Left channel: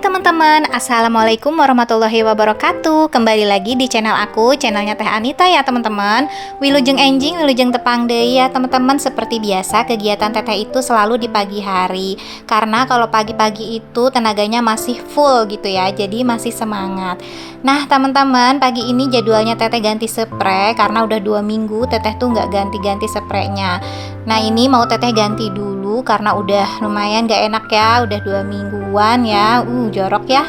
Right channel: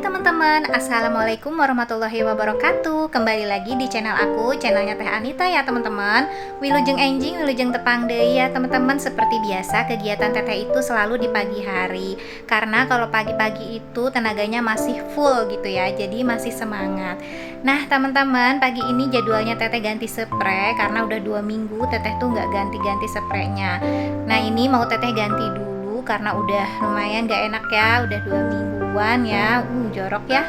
teman-teman, Assalamualaikum warahmatullahi wabarakatuh. Kembali lagi di channel aku, channelnya Teh Anita ya teman-teman. Wilujeng enjing, wilujeng tepang deui ya teman-teman. Seperti biasa kegiatan Teteh itu selalu di pagi hari. Karena kalau pagi-pagi itu tenaganya masih full gitu ya, jadi masih semangat. Nah teman-teman, pagi ini jadwalnya Teteh ganti spray. Karena udah 2 minggu Teteh tuh nggak ganti-ganti spraynya. Nah ini mau Teteh ganti dulu karena udah lumayan gak enak ya, udah 2 mingguan ya, jorok ya.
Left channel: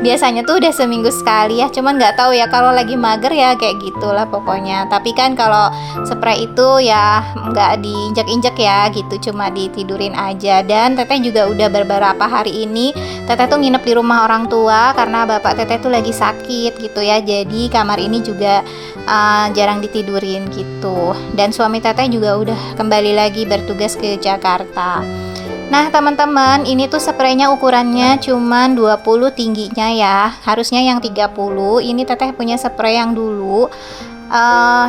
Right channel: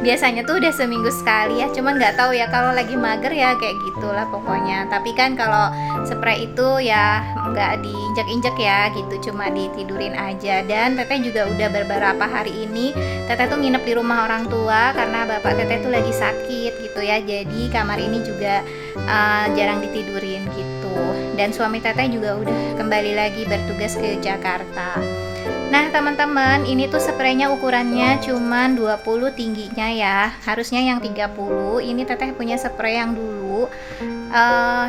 Biasanya tuh udah seminggu sekali ya, cuman nggak tahu ya kalau lagi mager ya kayak gitulah pokoknya. Tapi kan kalau spray itu ya nggak diinjak-injak ya gitu, cuma ditidurin aja. Dan Teteh juga udah beberapa hari ini Teteh tuh nginep di rumah orang tua karena bapak Teteh tuh lagi sakit gitu ya, jadi kamar ini juga jarang ditidurin gitu. Dan suami Teteh juga udah kembali lagi bertugas ke Jakarta. Nah teman-teman, ini tuh spraynya ukurannya cuman 20 tingginya ya, harusnya yang 30. Ini Teteh punya spray yang dulu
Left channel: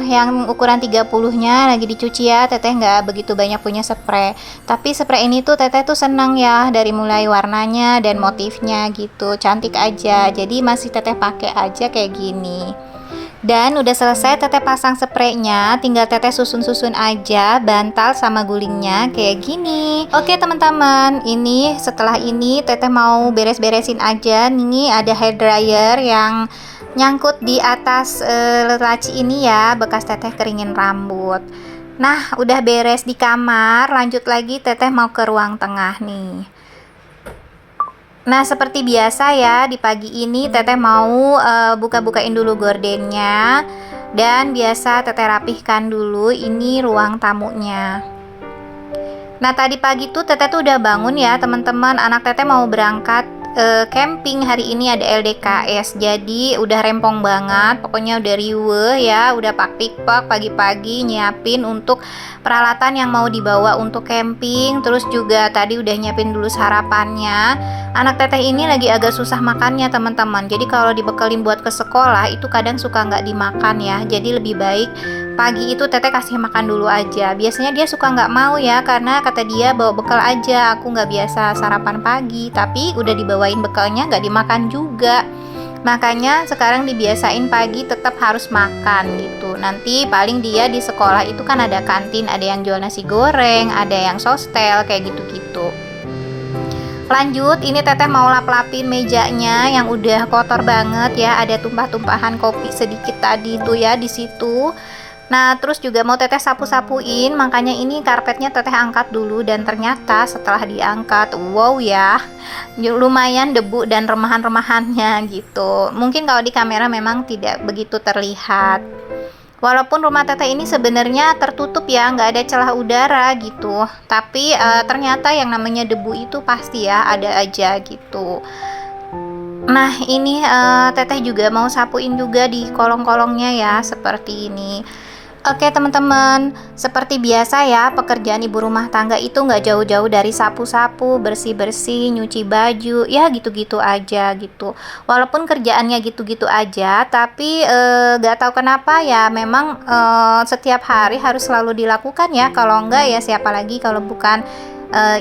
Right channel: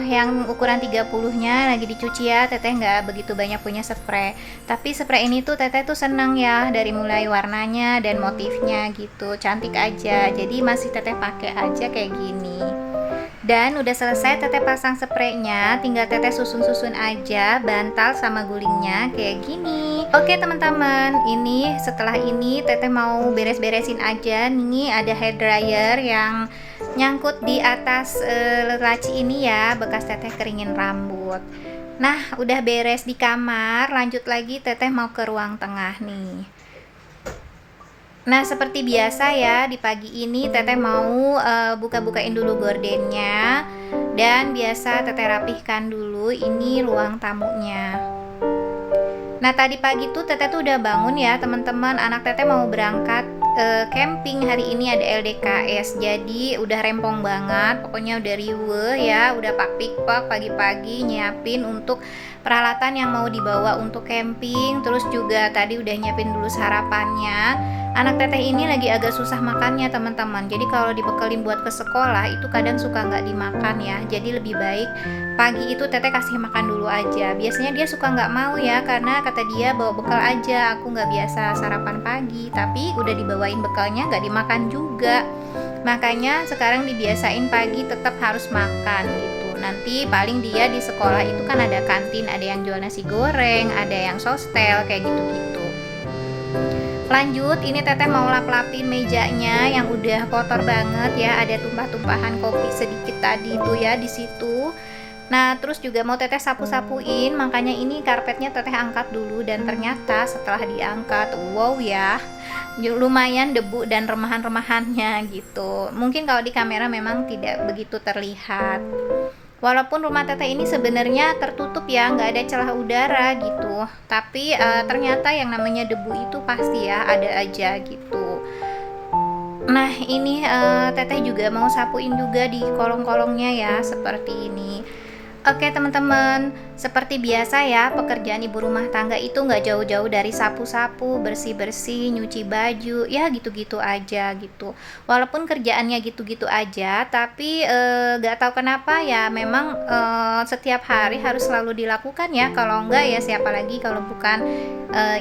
yang ukuran 30 nya lagi dicuci ya. Teteh nggak begitu banyak punya spray, tapi spray ini tuh Teteh tuh senang ya, dari mulai warnanya dan motifnya gitu, cantik aja. Jadi masih Teteh pakai aja kayak gini. Dan udah selesai Teteh pasang spraynya, tinggal Teteh susun-susun aja bantal sama gulingnya kayak gini. Oke teman-teman, ini setelah ini Teteh mau beres-beresin aja. Nih ada hair dryer yang nyangkut di atas laci ini ya, bekas Teteh keringin rambut. Nah udah beres di kamar, lanjut lagi Teteh mau ke ruang tengah nih. Nah seperti biasa ya, di pagi ini Teteh mau buka-bukain dulu gordennya. Dan biasa Teteh rapihkan dulu ini ruang tamunya. Nah tadi pagi tuh Teteh tuh udah bangun ya teman-teman. Anak Teteh mau berangkat camping hari ini, ada LDKS. Jadi udah rempong banget, pokoknya udah riweuh ya, udah pak-pikpak pagi-pagi nyiapin untuk peralatan yang mau dibawa untuk camping. Terus juga tadi udah nyiapin dulu sarapannya. Anak Teteh ini lagi agak susah makannya teman-teman. Jadi kalau dibekelin buat ke sekolah itu kadang suka nggak dimakan ya. Jadi lebih baik pagi itu Teteh kasih makan dulu aja. Biasanya dia suka nggak mau ya, karena kata dia bawa bekal aja, aku nggak biasa sarapan pagi. Tapi udah dibawain bekalnya nggak dimakan juga. Makanya sekarang dibiasain pagi tetap harus makan gitu. Nanti paling dia di sekolah itu kan ada kantin, ada yang jual nasi goreng, ada yang sostel kayak gitu-gitu. Lanjut, ini Teteh mau lap-lapin mejanya yang udah kotor banget ya, ada tumpah-tumpahan kopi sedikit tadi tuh ya di situ. Nah, terus juga mau Teteh sapu-sapuin, makanya ini karpetnya Teteh angkat dulu. Dan ternyata setelah diangkat, wow ya, lumayan debu dan remahan-remahannya gitu. Mungkin kalau di kamera memang tidak begitu terlihat. Walaupun rumah Teteh ini sebenarnya tertutup ya, nggak ada celah udara gitu. Tapi ternyata yang namanya debu itu pasti ya ada aja gitu. Nah ini Teteh juga mau sapuin juga di kolong-kolongnya ya, seperti ini. Oke teman-teman, seperti biasa ya, pekerjaan ibu rumah tangga itu nggak jauh-jauh dari sapu-sapu, bersih-bersih, nyuci baju, ya gitu-gitu aja gitu. Walaupun kerjaannya gitu-gitu aja, tapi nggak tahu kenapa ya, memang setiap hari harus selalu dilakukan ya. Kalau enggak ya siapa lagi kalau bukan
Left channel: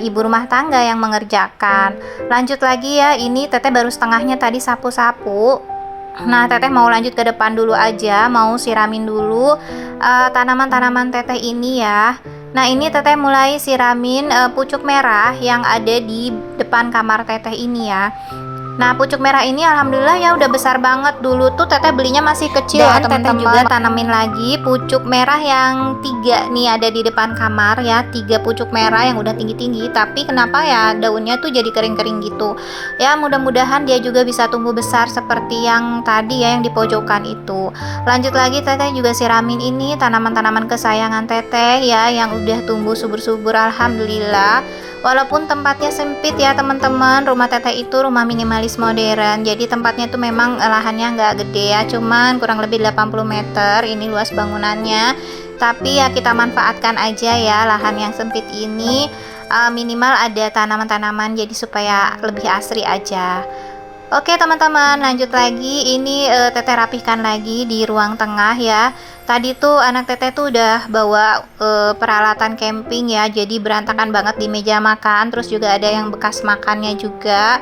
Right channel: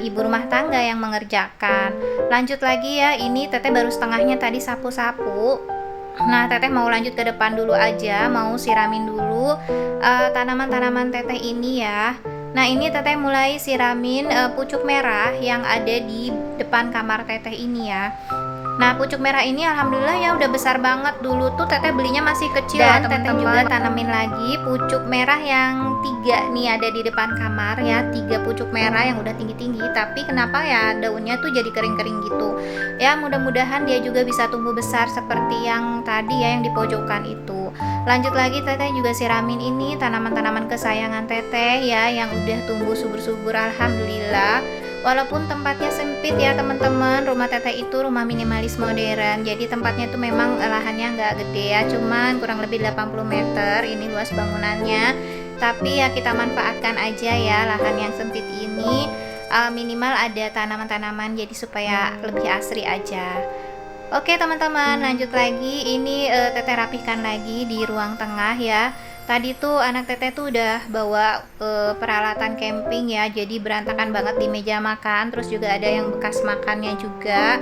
ibu rumah tangga yang mengerjakan. Lanjut lagi ya, ini Teteh baru setengahnya tadi sapu-sapu. Nah Teteh mau lanjut ke depan dulu aja, mau siramin dulu tanaman-tanaman Teteh ini ya. Nah ini Teteh mulai siramin pucuk merah yang ada di depan kamar Teteh ini ya. Nah pucuk merah ini alhamdulillah ya udah besar banget. Dulu tuh Teteh belinya masih kecil ya teman-teman. Teteh juga tanamin lagi pucuk merah yang 3 nih ada di depan kamar ya, 3 pucuk merah yang udah tinggi-tinggi. Tapi kenapa ya daunnya tuh jadi kering-kering gitu. Ya mudah-mudahan dia juga bisa tumbuh besar seperti yang tadi ya, yang di pojokan itu. Lanjut lagi Teteh juga siramin ini tanaman-tanaman kesayangan Teteh ya, yang udah tumbuh subur-subur alhamdulillah. Walaupun tempatnya sempit ya teman-teman, rumah Teteh itu rumah minimalis modern. Jadi tempatnya tuh memang lahannya nggak gede ya, cuman kurang lebih 80 meter ini luas bangunannya. Tapi ya kita manfaatkan aja ya lahan yang sempit ini, minimal ada tanaman-tanaman jadi supaya lebih asri aja. Oke teman-teman, lanjut lagi. Ini Teteh rapihkan lagi di ruang tengah ya. Tadi tuh anak Teteh tuh udah bawa peralatan camping ya, jadi berantakan banget di meja makan. Terus juga ada yang bekas makannya juga.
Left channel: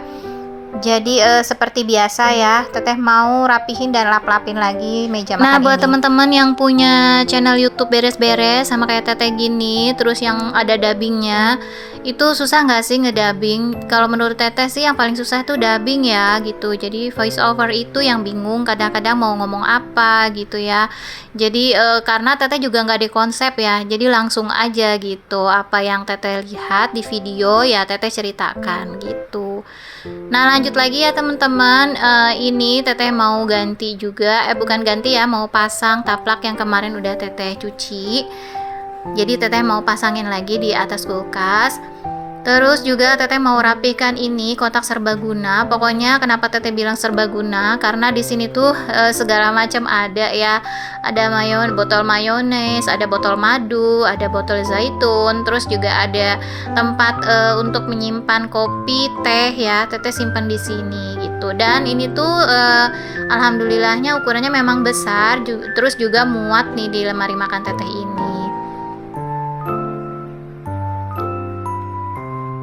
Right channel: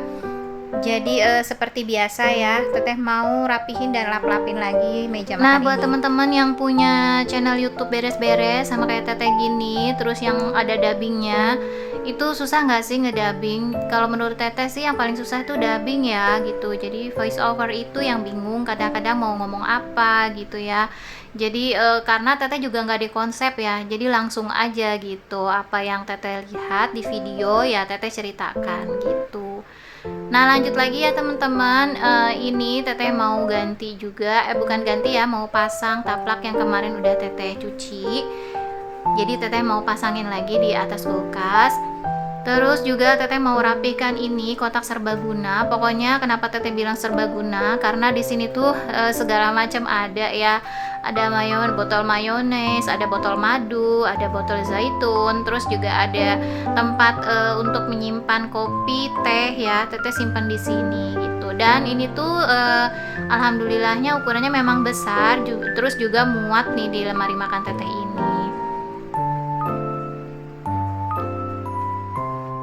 Jadi seperti biasa ya, Teteh mau rapihin dan lap-lapin lagi meja makan ini. Nah, buat teman-teman yang punya channel YouTube beres-beres sama kayak Teteh gini, terus yang ada dubbingnya, itu susah nggak sih ngedubbing? Kalau menurut Teteh sih yang paling susah tuh dubbing ya gitu. Jadi voice over itu yang bingung kadang-kadang mau ngomong apa gitu ya. Jadi karena Teteh juga nggak di konsep ya, jadi langsung aja gitu. Apa yang Teteh lihat di video ya Teteh ceritakan gitu. Nah, lanjut lagi ya teman-teman. Ini Teteh mau ganti juga, bukan ganti ya, mau pasang taplak yang kemarin udah Teteh cuci. Jadi Teteh mau pasangin lagi di atas kulkas. Terus juga Teteh mau rapikan ini kotak serbaguna. Pokoknya kenapa Teteh bilang serbaguna? Karena di sini tuh segala macam ada ya. Ada botol mayones, ada botol madu, ada botol zaitun. Terus juga ada tempat untuk menyimpan kopi, teh ya. Teteh simpan di sini gitu. Dan ini tuh alhamdulillahnya ukurannya memang besar. Terus juga muat nih di lemari makan Teteh ini.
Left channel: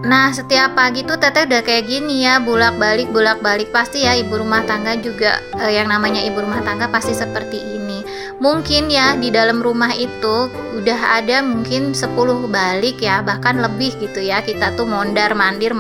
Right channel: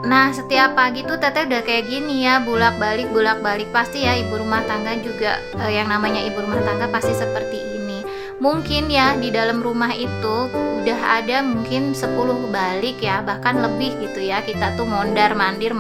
Nah, setiap pagi tuh Teteh udah kayak gini ya, bolak-balik pasti ya ibu rumah tangga juga yang namanya ibu rumah tangga pasti seperti ini. Mungkin ya di dalam rumah itu udah ada mungkin 10 balik ya, bahkan lebih gitu ya. Kita tuh mondar-mandir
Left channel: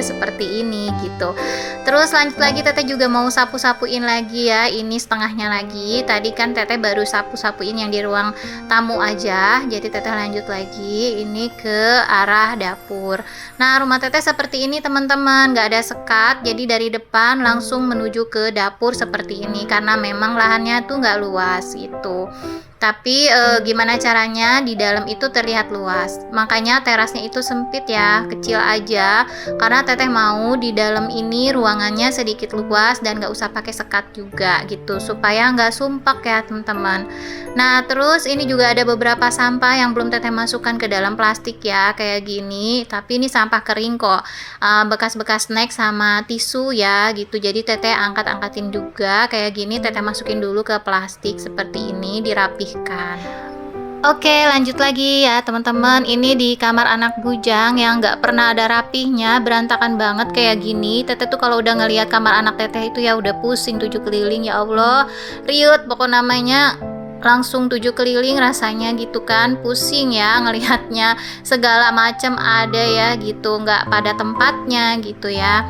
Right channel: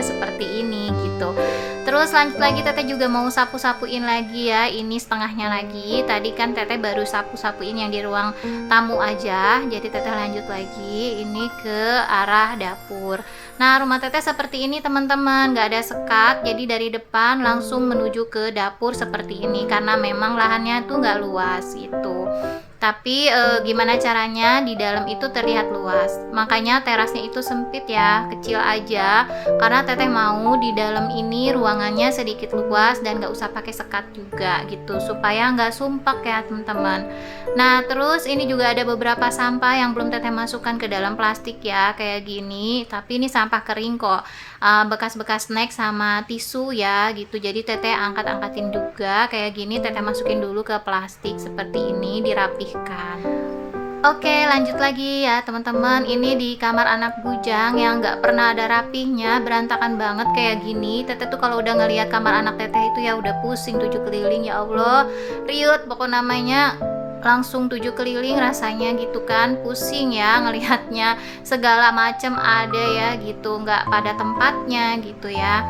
seperti ini gitu. Terus lanjut lagi Teteh juga mau sapu-sapuin lagi ya, ini setengahnya lagi. Tadi kan Teteh baru sapu-sapuin yang di ruang tamu aja, jadi Teteh lanjut lagi ini ke arah dapur. Nah, rumah Teteh seperti ini teman-teman, nggak ada sekat, jadi dari depan langsung menuju ke dapur seperti ini karena memang lahannya tuh nggak luas gitu. Tapi gimana caranya di dalam itu terlihat luas, makanya terasnya itu sempit ya, kecil aja, karena Teteh mau di dalam ini ruangannya sedikit luas dan nggak usah pakai sekat juga gitu, supaya nggak sumpek ya teman-teman. Nah, terus ini juga ada beberapa sampah yang belum Teteh masukkan ke dalam plastik ya, kayak gini, tapi ini sampah kering kok, bekas-bekas snack sama tisu ya gitu. Jadi Teteh angkat-angkatin juga kayak gini, Teteh masukin dulu ke plastik seperti ini, dirapih. Oke, lanjut lagi ya teman-teman. Ini di kamar anak bujang yang nggak pernah ada rapihnya, berantakan banget kayak gini. Teteh tuh kalau udah ngelihat kamar anak Teteh itu ya udah pusing 7 keliling, ya Allah, riut pokok namanya, langsung 7 keliling rasanya gitu kan, pusing ya ngelihatnya, segala macam ada ya gitu, nggak pada tempatnya gitu ya.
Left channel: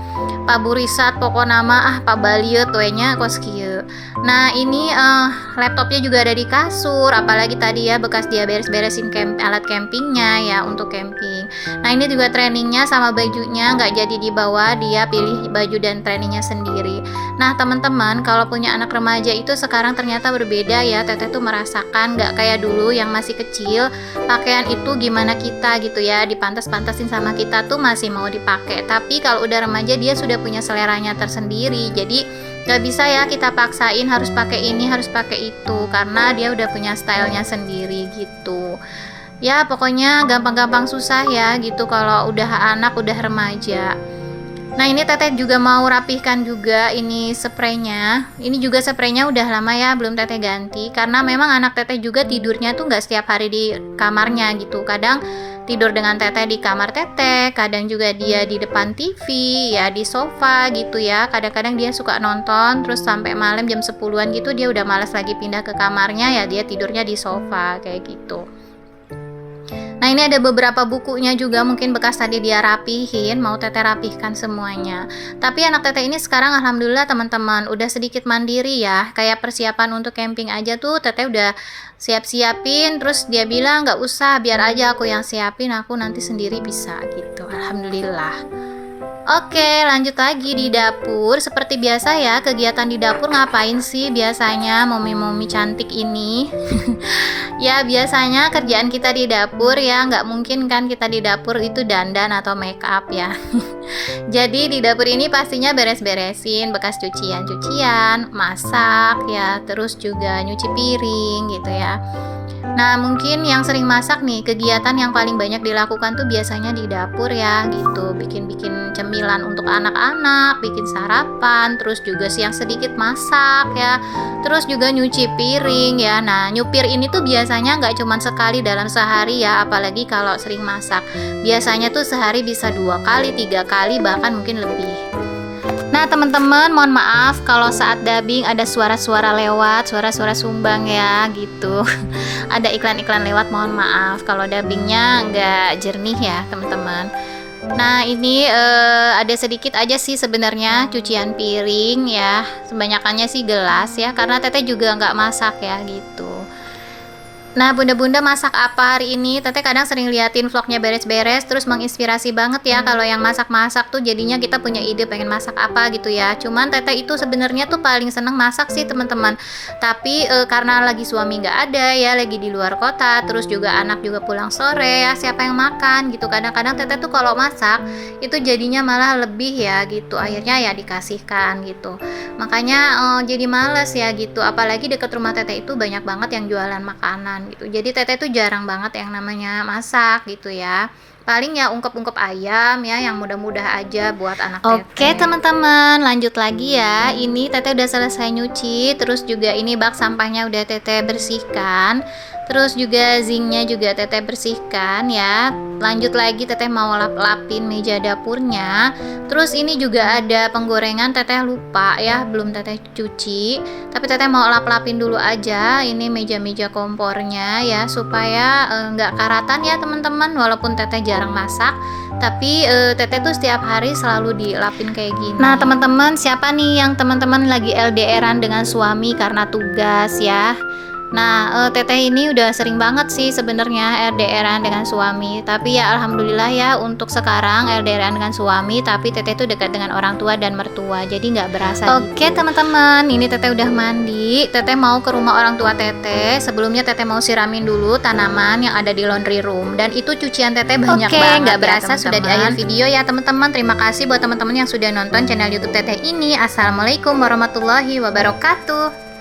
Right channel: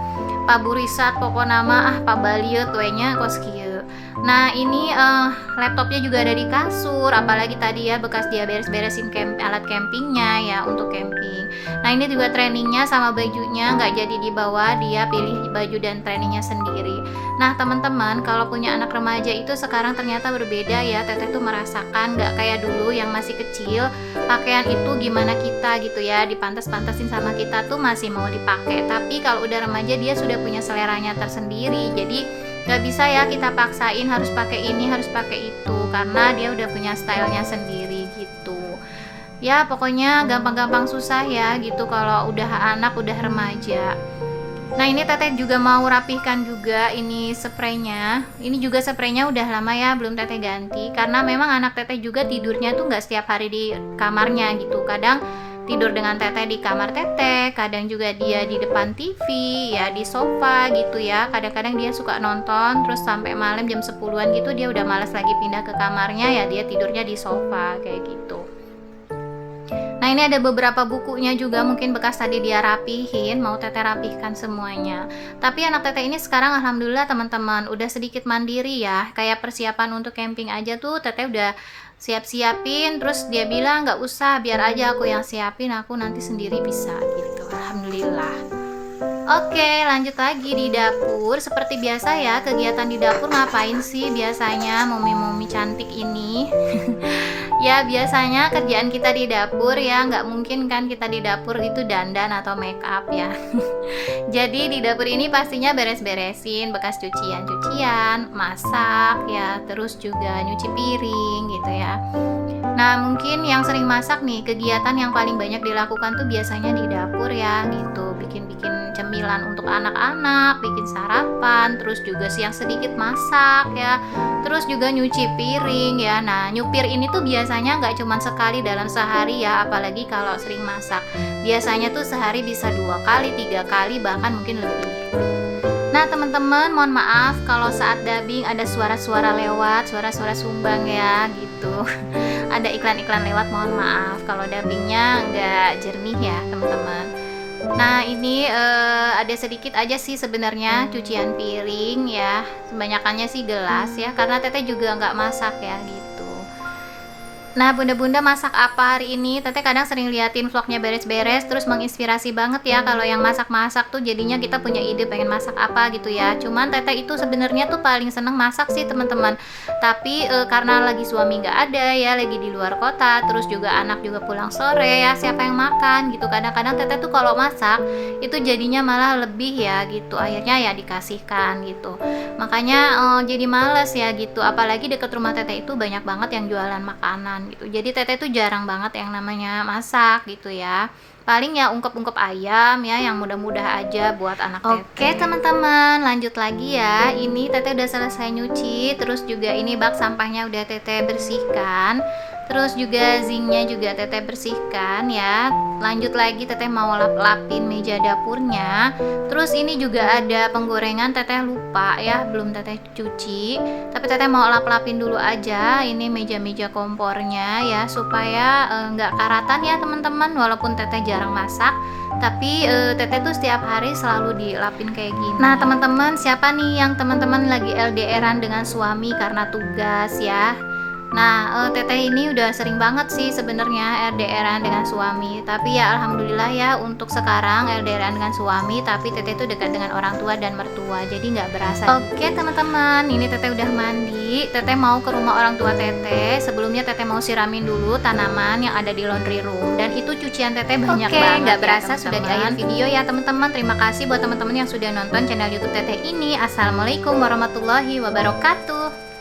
Pak Burisat pokok nama Pak Baliut wenya kos kieu. Nah, ini laptopnya juga ada di kasur, apalagi tadi ya bekas dia beres-beresin alat campingnya ya untuk camping. Nah, ini juga trainingnya sama bajunya nggak jadi dibawa, dia pilih baju dan trainingnya sendiri. Nah, teman-teman, kalau punya anak remaja itu sekarang ternyata berbeda ya. Teteh tuh merasakan nggak kayak dulu yang masih kecil, pakaian itu gimana kita gitu ya, dipantas-pantasin sama kita tuh masih mau dipakai. Tapi kalau udah remaja dia sudah punya seleranya tersendiri, jadi gak bisa ya kita paksain harus pakai ini, harus pakai itu, karena dia udah punya stylenya sendiri gitu. Ya pokoknya gampang-gampang susah ya gitu kalau udah anak, udah remaja. Nah, ini Teteh juga mau rapihkan juga ini spraynya. Ini juga spraynya udah lama ya belum Teteh ganti, karena memang anak Teteh juga tidurnya tuh nggak setiap hari di kamarnya gitu. Kadang tidur dengan Teteh di kamar Teteh, kadang juga dia di depan TV ya, di sofa gitu ya. Kadang-kadang dia suka nonton terus sampai malam jam 10-an gitu dia udah malas lagi pindah ke kamarnya ya, dia tidurnya di sofa kayak gitu. Nah, ini ada beberapa bukunya juga mungkin bekas tadi dia rapihin, mau Teteh rapihkan semuanya. Tapi anak Teteh ini sekarang alhamdulillah teman-teman udah sedikit mandiri ya. Kayak persiapan untuk camping aja tuh Teteh udah siap-siapin, terus dia bilang nggak usah, biar aja aku yang siapin, aku nanti sendiri bisa gitu. Alhamdulillah. Oke, lanjut lagi di dapur. Seperti biasa ya, kegiatan di dapur ngapain sih biasanya momi-momi cantik ini? Ya, biasanya kerjaan kita di dapur ya, nggak mungkin kan kita di dapur itu dandan atau make up ya. Jadi di dapur ini pastinya beres-beresin bekas cucian-cucian, masak ya, terus juga nyuci piring gitu ya. Nah, mungkin yang sering masak nih, kegiatan yang paling banyak dilakukan tuh biasanya di dapur ya gitu. Bikin-bikin cemilan untuk anak-anak, bikin sarapan, terus juga siang sedikit masak ya. Terus juga nyuci piring ya. Nah, nyupir ini tuh biasanya nggak cuma sekali dalam sehari ya, apalagi kalau sering masak. Biasanya tuh sehari bisa 2 kali, 3 kali, bahkan mungkin lebih. teman-teman, mohon maaf kalau saat dubbing ada suara-suara lewat, suara-suara sumbang ya gitu. Ada iklan-iklan lewat, mohon maaf kalau dubbingnya nggak jernih ya teman-teman. Nah ini ada sedikit aja sih sebenarnya cucian piring ya, kebanyakannya sih gelas ya, karena Teteh juga nggak masak ya gitu. Nah bunda-bunda masak apa hari ini? Teteh kadang sering liatin vlognya beres-beres, terus menginspirasi banget ya kalau yang masak-masak tuh jadinya kita punya ide pengen masak apa gitu ya. Cuman Teteh itu sebenarnya tuh paling seneng masak sih teman-teman. Tapi karena lagi suami nggak ada ya, lagi di luar kota, terus juga anak juga pulang sore ya, siapa yang makan gitu. Kadang-kadang Teteh tuh kalau masak itu jadinya malah lebih ya gitu. Akhirnya ya dikasihkan gitu. Makanya jadi males ya gitu. Apalagi deket rumah Teteh itu banyak banget yang jualan makanan gitu. Jadi Teteh tuh jarang banget yang namanya masak gitu ya. Paling ya ungkep-ungkep ayam ya yang mudah-mudah aja buat anak Teteh. Oke teman-teman, lanjut lagi ya. Ini Teteh udah selesai nyuci, terus juga ini bak sampahnya udah Teteh bersihkan. Terus juga zinknya juga Teteh bersihkan ya. Lanjut lagi Teteh mau lap-lapin meja dapurnya. Terus ini juga ada penggorengan, Teteh lupa ya, belum Teteh cuci. Tapi Teteh mau lap-lapin dulu aja ini meja-meja kompornya ya, supaya nggak karatan ya teman-teman. Walaupun Teteh jarang masak, tapi Teteh tuh setiap hari selalu dilapin kayak gini. Nah teman-teman, siapa nih yang teman-teman lagi LDRan dengan suami karena tugas ya? Nah, Teteh ini udah sering banget sih sebenarnya LDRan dengan suami. Tapi ya alhamdulillah ya untuk sekarang LDRan dengan suami, tapi Teteh tuh dekat dengan orang tua dan mertua. Jadi nggak berasa. Oke teman-teman, ini Teteh udah mandi. Teteh mau ke rumah orang tua Teteh. Sebelumnya Teteh mau siramin dulu tanaman yang ada di laundry room. Dan itu cucian Teteh banyak banget. Nggak berasa sudah di akhir video ya teman-teman. Terima kasih buat teman-teman yang sudah nonton channel YouTube Teteh ini. Assalamualaikum warahmatullahi wabarakatuh.